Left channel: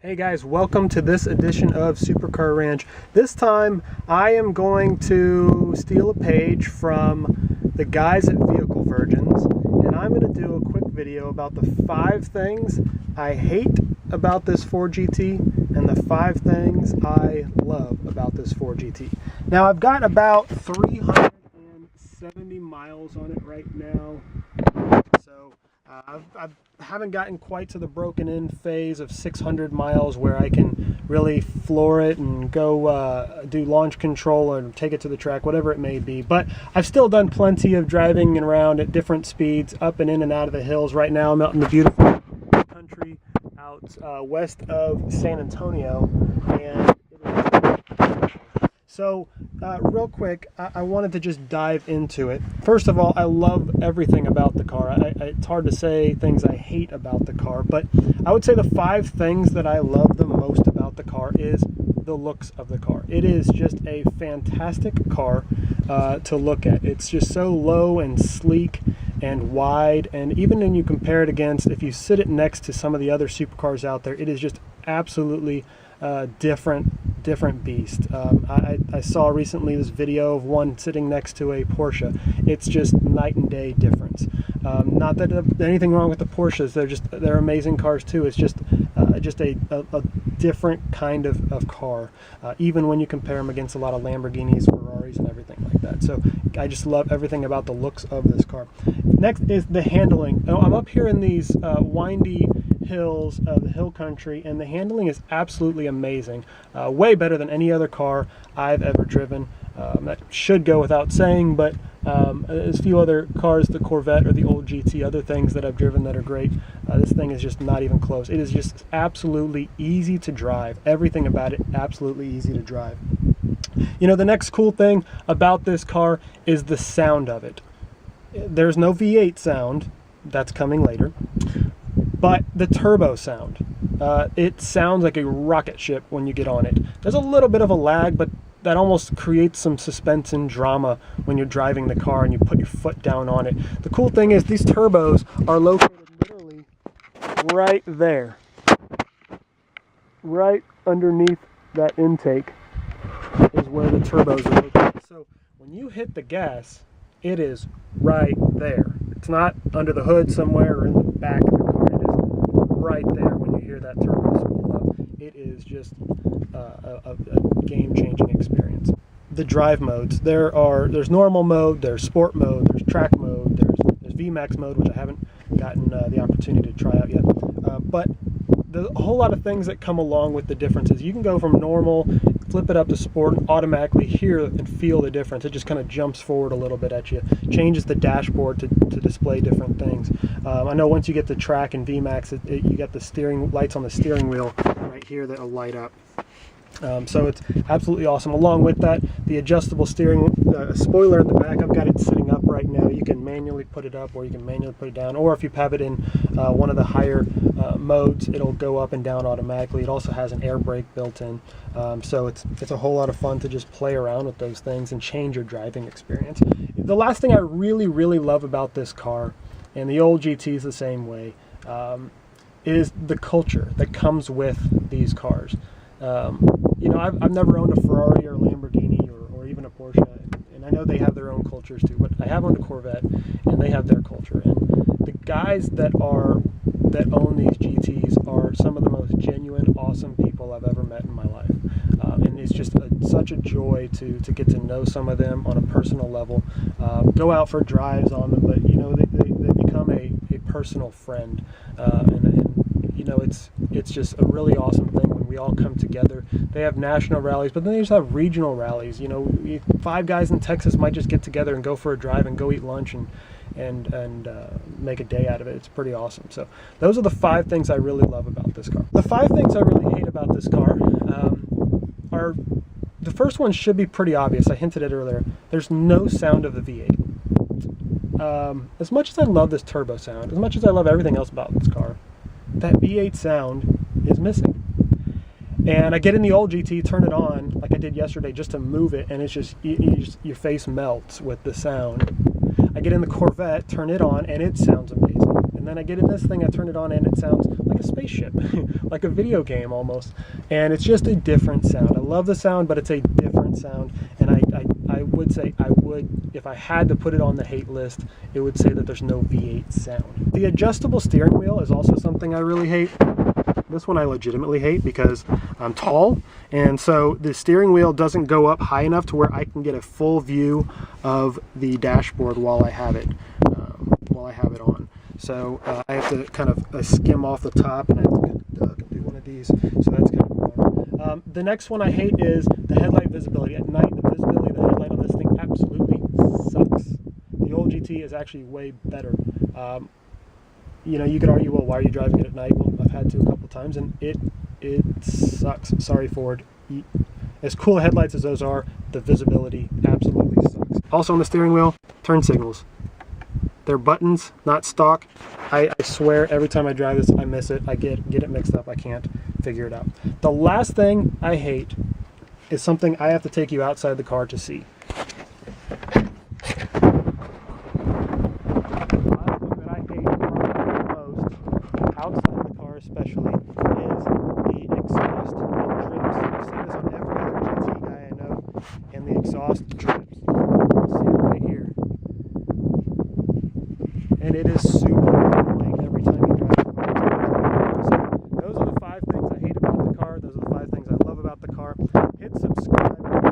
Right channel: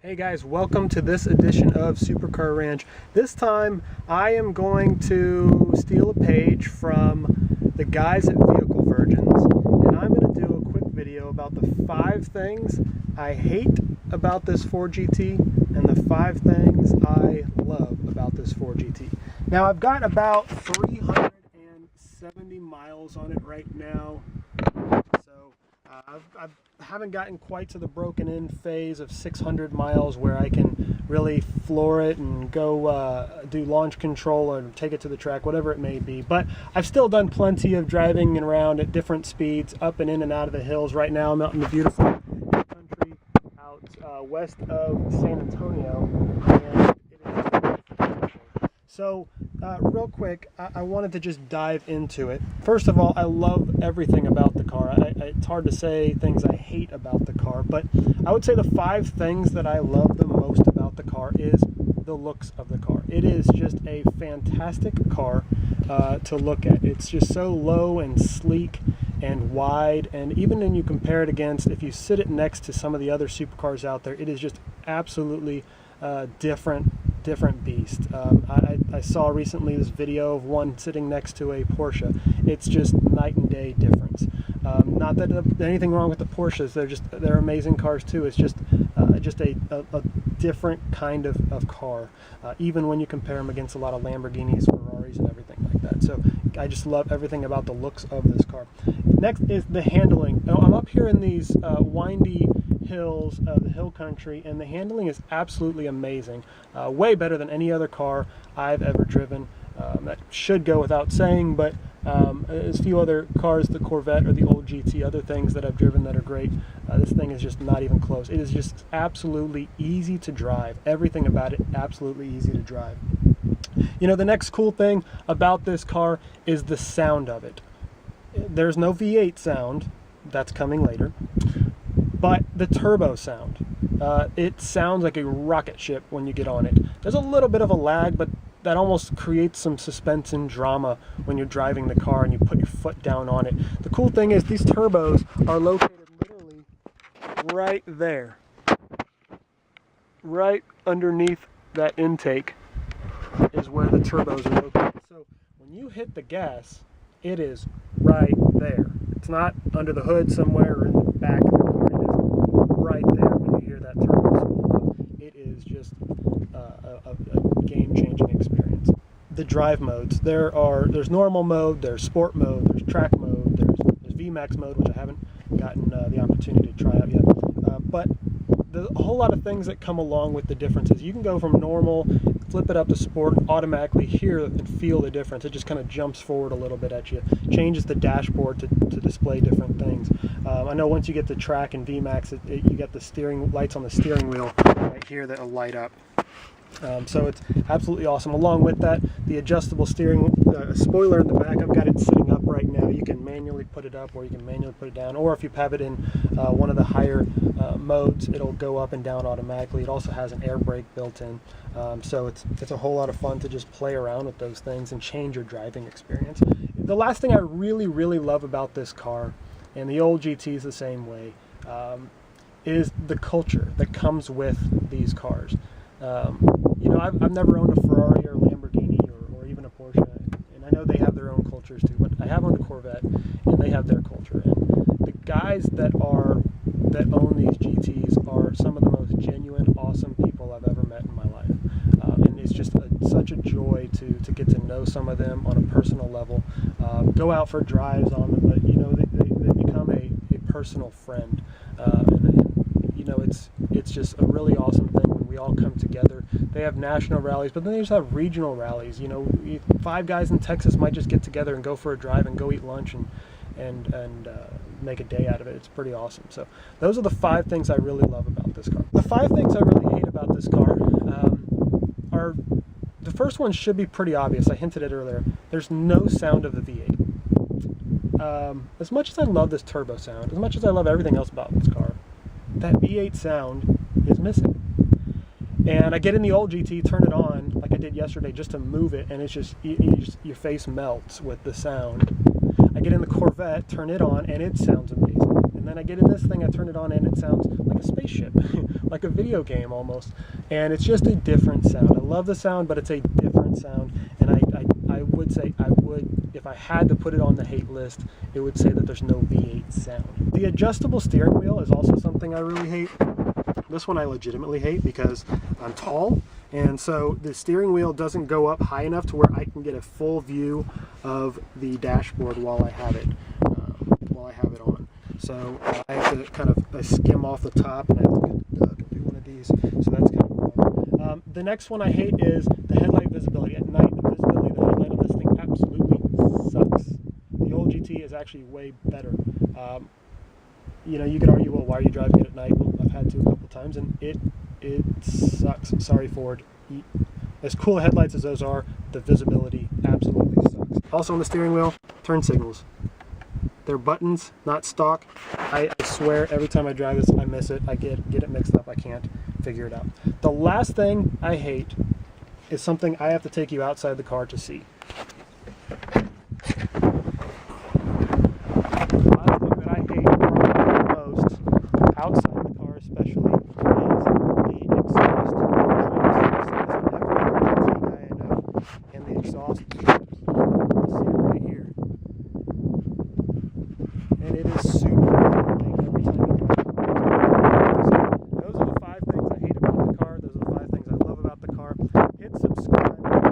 Hey guys, welcome to this edition of Supercar Ranch. This time I am going to steal a page from the guys at Vehicle Virgins, and I'm going to do a quick video about the 5 things I hate about this Ford GT and the 5 things I love about this Ford GT. Now I've got about 370 miles on it right now, so I haven't gotten quite to the broken in phase of 600 miles where I can really floor it and go do launch control or take it to the track, whatever it may be. But I've still done plenty of driving around at different speeds, up and in and out of the hills. Right now I'm out in the beautiful hill country out west of San Antonio, and it is beautiful. So real quick, I wanted to just dive into it. First of all, I love everything about the car. It's hard to say things I hate about the car, but I would say the 5 things that I love the most about the car is the looks of the car. It is just a fantastic car to look at. It's just so low and sleek and wide, and even when you compare it against, if you sit it next to some of the other supercars out there, it is just absolutely different beast. I saw recently this video of one sitting next to a Porsche. It's just night and day difference. Not that anything wrong with the Porsches, they're amazing cars too. It's just a different kind of car, even when you compare them against a lot of Lamborghinis, Ferraris, and everything like that. So I just love everything about the looks of this car. Next is the handling. I'm up here in these windy hills of the hill country, and the handling is absolutely amazing. Way better than any other car I've ever driven. That should go without saying, but there's a few other cars, the Corvette or the old GT, other things that I've driven that are great. This thing is just not even close. It is just absolutely easy to drive. Everything about it absolutely easy to drive. You know, the next cool thing about this car is the sound of it. There's no V8 sound. That's coming later. But the turbo sound. It sounds like a rocket ship when you get on it. There's a little bit of a lag, but that almost creates some suspense and drama when you're driving the car and you put your foot down on it. The cool thing is these turbos are located literally right there. Right underneath that intake is where the turbos are located. So when you hit the gas, it is right there. It's not under the hood somewhere or in the back of the car. It is right there when you hear that turbo spool up. It is just a game-changing experience. The drive modes. There's normal mode, there's sport mode, there's track mode, there's VMAX mode, which I haven't gotten the opportunity to try out yet. But there's a whole lot of things that come along with the differences. You can go from normal, flip it up to sport, and automatically hear and feel the difference. It just kind of jumps forward a little bit at you, changes the dashboard to display different things. I know once you get to track and VMAX, you get the steering lights on the steering wheel right here that will light up. So it's absolutely awesome. Along with that, the adjustable steering spoiler in the back, I've got it sitting up right now. You can manually put it up or you can manually put it down, or if you have it in one of the higher modes, it'll go up and down automatically. It also has an air brake built in, so it's a whole lot of fun to just play around with those things and change your driving experience. The last thing I really love about this car, and the old GT is the same way, is the culture that comes with these cars. You know, I've never owned a Ferrari or a Lamborghini or even a Porsche, and I know they have their own cultures too, but I have owned a Corvette, and they have their culture. And the guys that own these GTs are some of the most genuine, awesome people I've ever met in my life. And it's just such a joy to get to know some of them on a personal level, go out for drives on them, but, you know, they become a personal friend, and you know, it's just a really awesome thing when we all come together. They have national rallies, but then they just have regional rallies. You know, 5 guys in Texas might just get together and go for a drive and go eat lunch and make a day out of it. It's pretty awesome. So those are the 5 things I really love about this car. The 5 things I really hate about this car are, the first one should be pretty obvious. I hinted at it earlier. There's no sound of the V8. As much as I love this turbo sound, as much as I love everything else about this car, that V8 sound is missing. And I get in the old GT, turn it on like I did yesterday just to move it, and it's just, your face melts with the sound. I get in the Corvette, turn it on, and it sounds amazing. And then I get in this thing, I turn it on, and it sounds like a spaceship, like a video game almost. And it's just a different sound. I love the sound, but it's a different sound. And I would say if I had to put it on the hate list, it would say that there's no V8 sound. The adjustable steering wheel is also something I really hate. This one I legitimately hate because I'm tall, and so the steering wheel doesn't go up high enough to where I can get a full view of the dashboard while I have it on. So I have to kind of skim off the top, and I have to duck and do one of these. So that's kind of a bummer. The next one I hate is the headlight visibility. At night, the visibility of the headlight on this thing absolutely sucks. The old GT is actually way better. You know, you could argue, well, why are you driving it at night? Well, I've had to a couple times, and it sucks. Sorry, Ford. As cool headlights as those are, the visibility absolutely sucks. Also on the steering wheel, turn signals. They're buttons, not stock. I swear every time I drive this, I miss it. I get it mixed up. I can't figure it out. The last thing I hate is something I have to take you outside the car to see. Outside the car especially, is the exhaust that drips. I've seen this on every other GT guy I know, and the exhaust drips. You'll see it right here. And it is super annoying every time you drive the car. So those are the 5 things I hate about the car. Those are the 5 things I love about the car. Hit subscribe.